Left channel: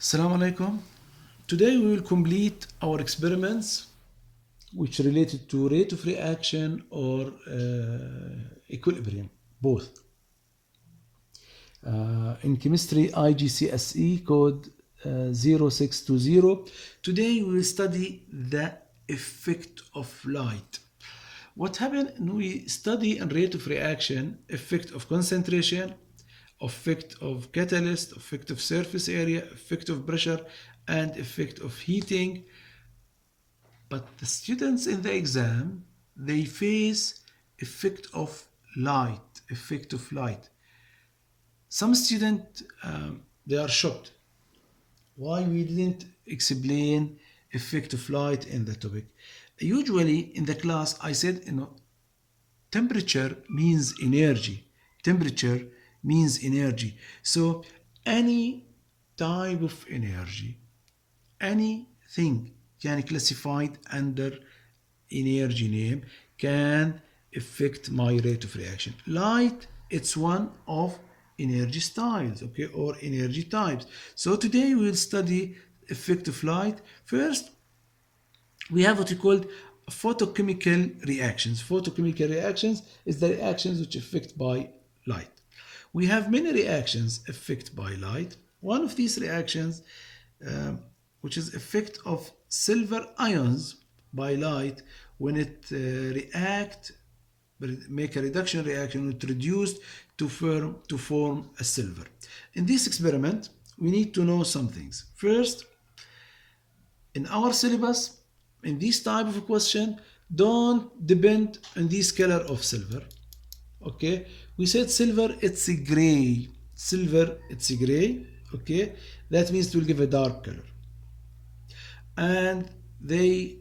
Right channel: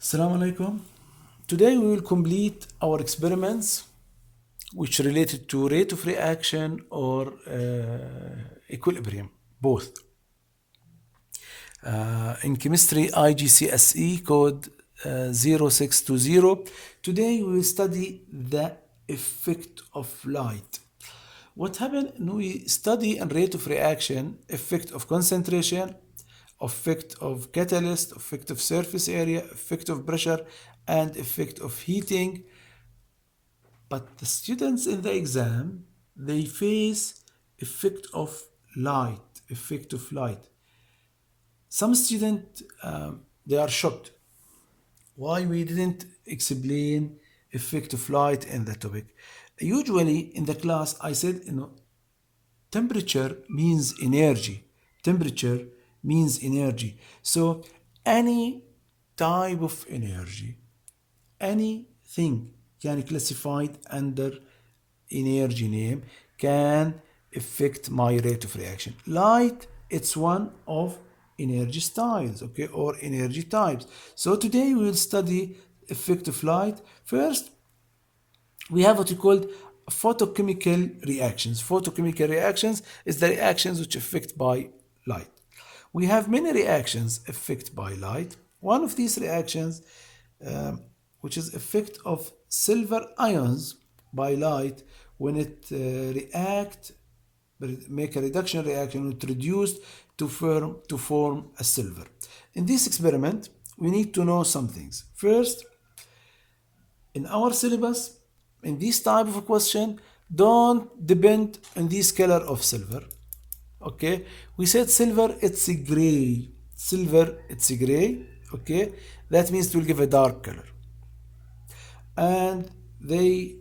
Assalamu alaikum. Today we will complete our experiments which related to rate of reaction or equilibrium, both. In chemistry igcse code 0620. Today we will study the effect of light. What happened when we study and rate of reaction, effect of concentration, effect of catalyst, effect of surface area, effect of pressure, and effect of heating. But the students in the exam, they face effect of light. Some students, they are shocked. Why we didn't explain effect of light in the topic? Usually in the class, I said, temperature means energy. Temperature means energy. So any type of energy, anything can classified under energy name can affect my rate of reaction. Light, it's one of energy styles, okay, or energy types. So today we will study effect of light. First, we have what we call photochemical reactions. Photochemical reactions is the reactions which affect by light. We have many reactions affected by light. One of these reactions, which is effect of silver ions by light, when it make a reduction reaction, it reduced to form a silver. In this experiment, we need to know some things. First, in our syllabus, in this type of a question, don't depend on this color of silver. Okay, we said silver, it's a gray. Silver, it's a gray. Okay, that means it will give a dark color. And they,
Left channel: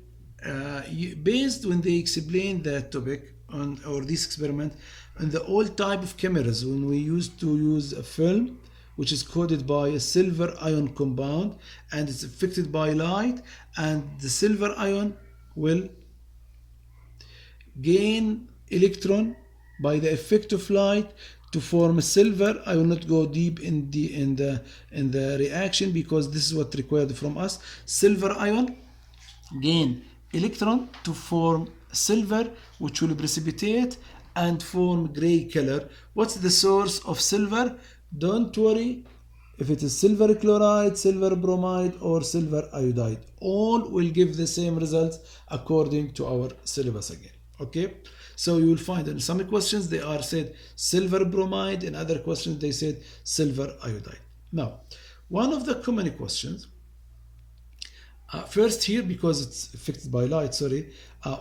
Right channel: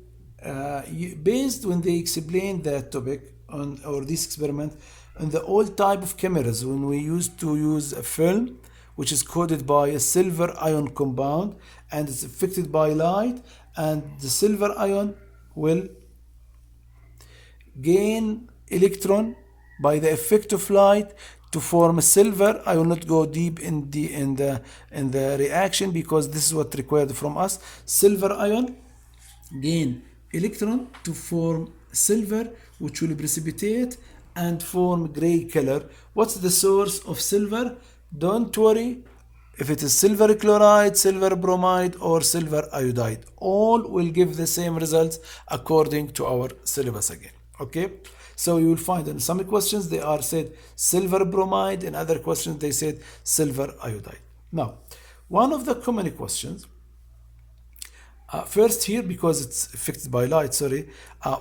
based when they explain that topic on or this experiment on the old type of cameras, when we used to use a film which is coated by a silver ion compound and it's affected by light, and the silver ion will gain electron by the effect of light to form a silver. I will not go deep in the reaction because this is what required from us. Silver ion gain electron to form silver, which will precipitate and form gray color. What's the source of silver? Don't worry if it is silver chloride, silver bromide, or silver iodide. All will give the same results according to our syllabus again. Okay, so you will find in some questions they are said silver bromide, in other questions they said silver iodide. Now, one of the common questions, first here, because it's affected by light,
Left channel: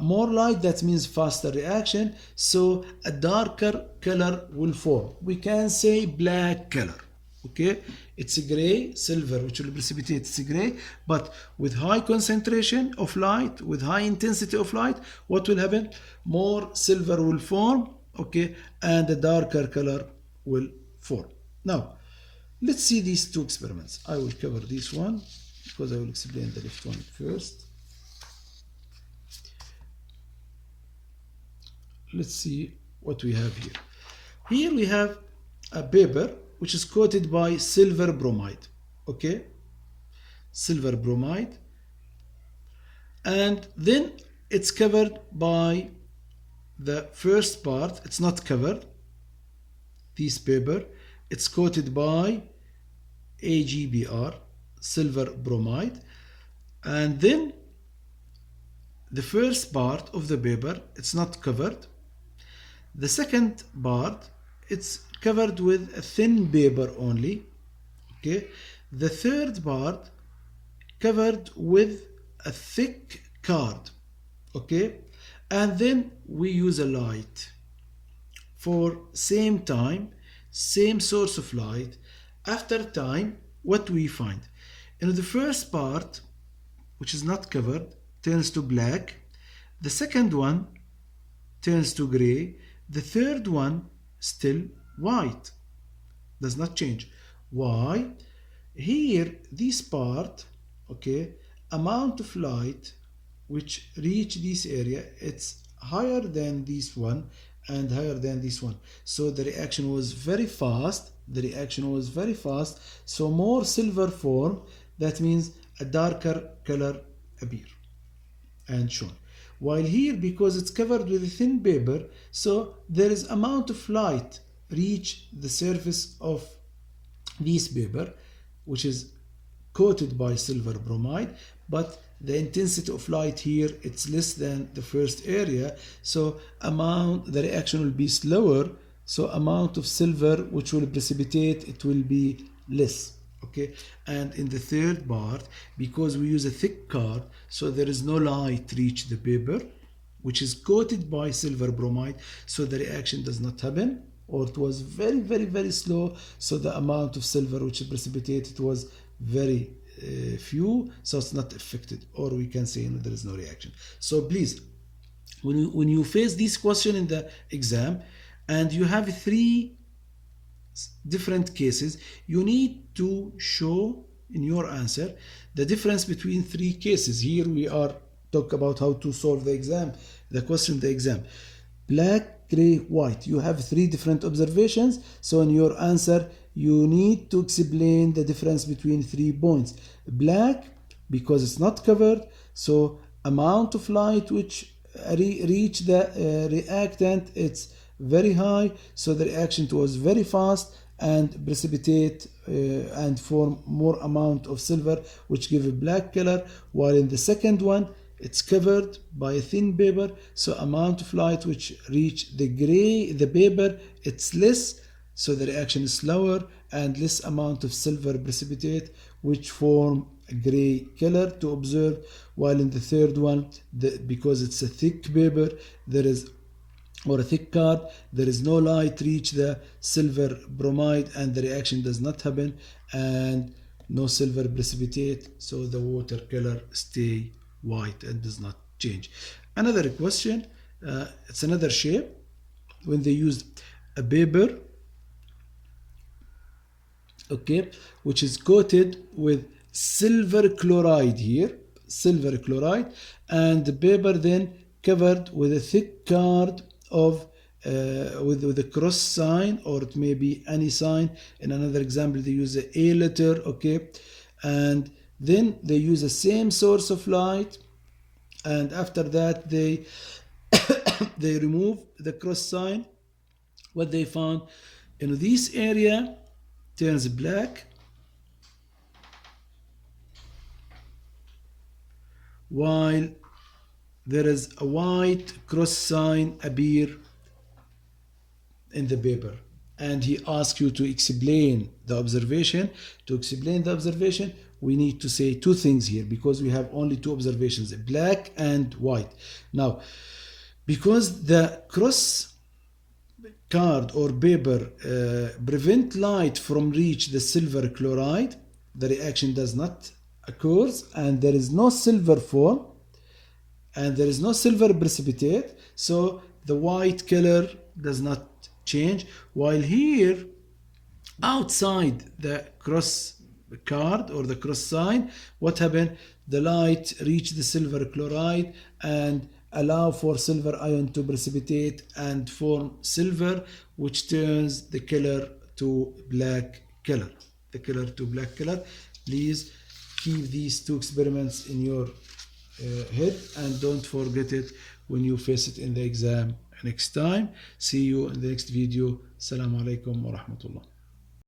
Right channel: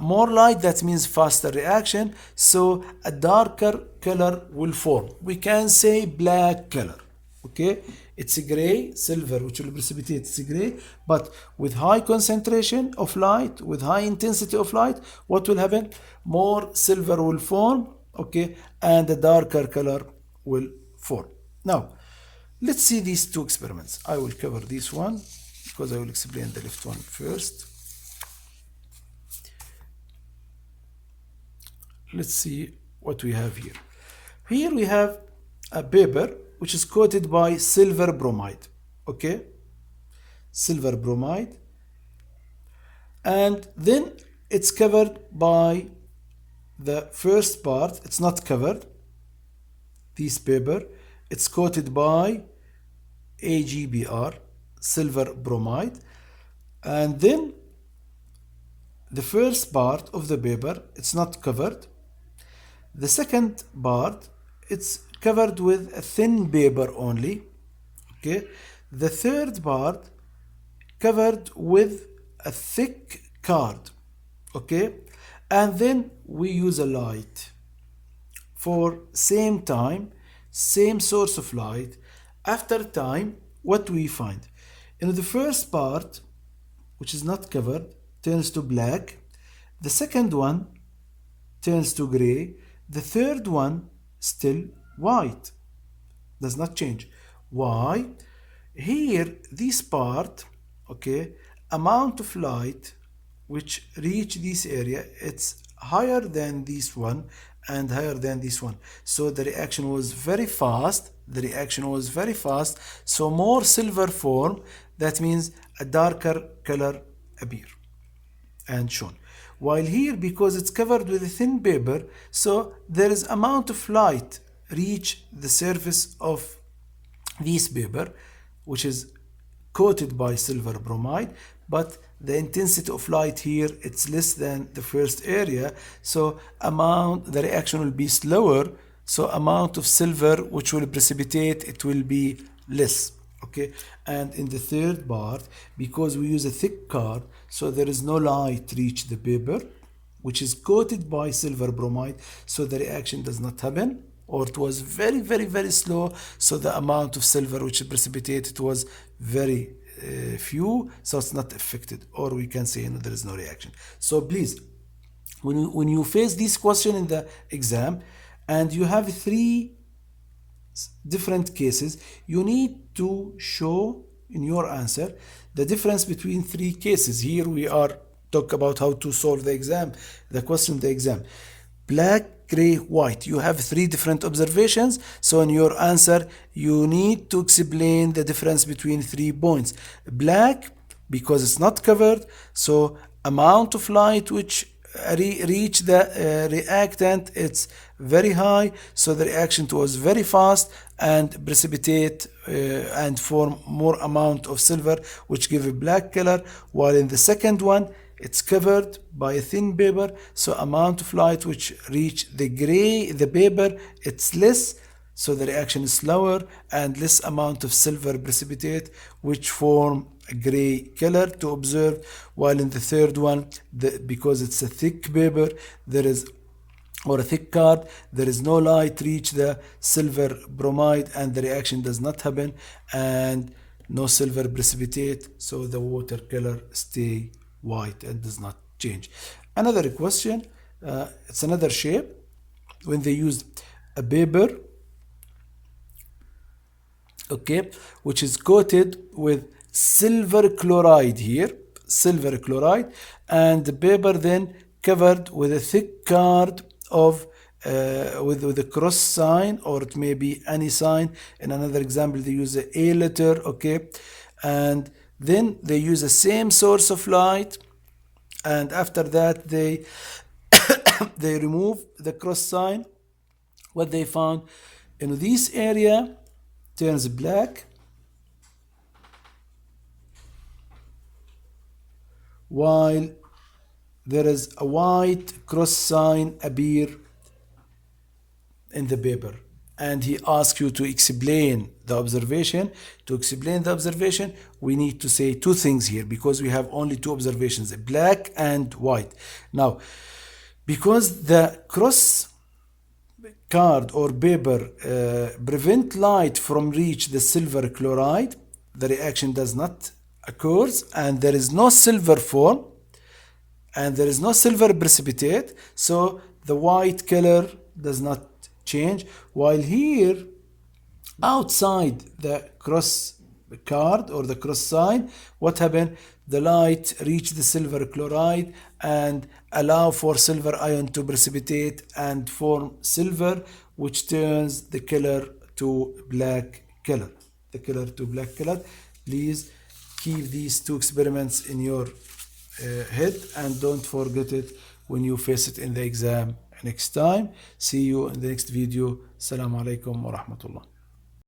more light, that means faster reaction, so a darker color will form. We can say black color. Okay, it's a gray, silver, which will precipitate, it's a gray, but with high concentration of light, with high intensity of light, what will happen? More silver will form, okay, and a darker color will form. Now, let's see these two experiments. I will cover this one because I will explain the left one first. Let's see what we have here. Here we have a paper which is coated by silver bromide. Okay, silver bromide, and then it's covered by the first part. It's not covered, this paper, it's coated by AgBr, silver bromide, and then the first part of the paper, it's not covered. The second part, it's covered with a thin paper only. Okay, the third part covered with a thick card. Okay, and then we use a light for same time, same source of light. After time, what we find? The first part, which is not covered, turns to black. The second one turns to gray. The third one still white, does not change. Why? Here, this part, okay, amount of light which reach this area, it's higher than this one and higher than this one. So the reaction was very fast. So more silver form that means a darker color appear and shown. While here, because it's covered with a thin paper, so there is amount of light reach the surface of this paper, which is coated by silver bromide, but the intensity of light here, it's less than the first area, so the reaction will be slower, so amount of silver which will precipitate, it will be less. Okay, and in the third part, because we use a thick card, so there is no light reach the paper, which is coated by silver bromide, so the reaction does not happen, or it was very slow, so the amount of silver which precipitated was very few, so it's not affected, or we can say there is no reaction. So please, when you face this question in the exam and you have three different cases, you need to show in your answer the difference between three cases. Here we are talk about how to solve the exam, the question, the exam. Black, gray, white. You have three different observations. So in your answer, you need to explain the difference between 3 points. Black, because it's not covered, so amount of light which reach the reactant, it's very high, so the reaction was very fast and precipitate and form more amount of silver, which give a black color. While in the second one, it's covered by a thin paper, so amount of light which reach the paper, it's less, so the reaction is slower, and less amount of silver precipitate, which form a gray color to observe. While in the third one, because it's a thick paper, or a thick card, there is no light reach the silver bromide, and the reaction does not happen, and no silver precipitate, so the water color stay white and does not change. Another question, it's another shape. When they used a paper, okay, which is coated with silver chloride here, silver chloride, and the paper then covered with a thick card of with a cross sign, or it may be any sign. In another example, they use a letter, okay, and then they use the same source of light, and after that they they remove the cross sign. What they found in this area turns black, while there is a white cross sign appear in the paper. And he asks you to explain the observation. To explain the observation, we need to say two things here, because we have only two observations, black and white. Now, because the cross card or paper prevent light from reach the silver chloride, the reaction does not occur, and there is no silver form, and there is no silver precipitate, so the white color does not change. While here, outside the cross card or the cross sign, what happened? The light reach the silver chloride and allow for silver ion to precipitate and form silver, which turns the color to black color. The color to black color. Please keep these two experiments in your head and don't forget it when you face it in the exam next time. See you in the next video. Assalamu alaikum wa rahmatullah.